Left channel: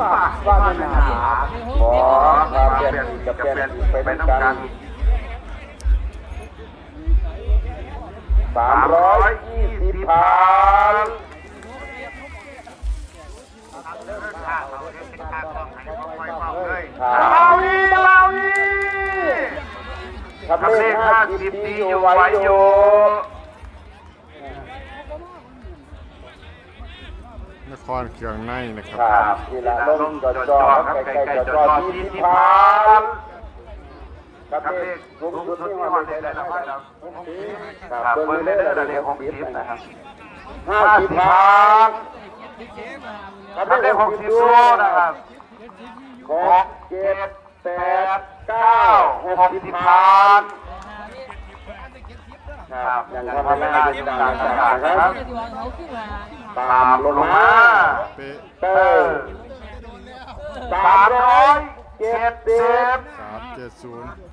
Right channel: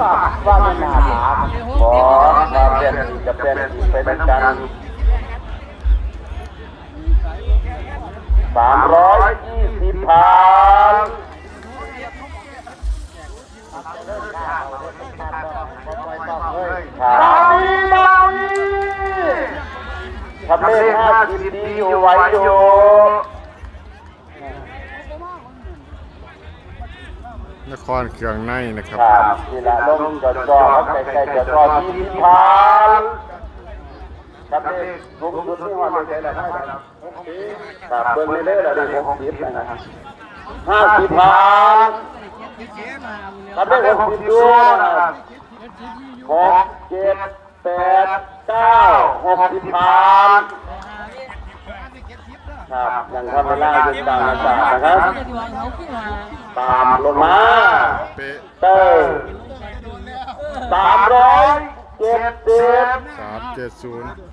ว่าไม่น่าถามขอมาเป็นจะเป็นไปน้ำกัน320พันบางทีทำเลข50ดีอยู่ไว้อยู่นครเครื่องในนะครับนี่ละลงจอครับใกล้ๆจอ20พันครับเลขสูงสุดที่ว่าเลยใช่แล้วครับเบิ้งเรื่อยๆแล้วเลข60นะครับ50พันครับเลข60ด้วยนะครับ6 7 8 9 60พันครับยังทำไม่ได้ด้วยกันนะครับตามลงมาเตอร์370 370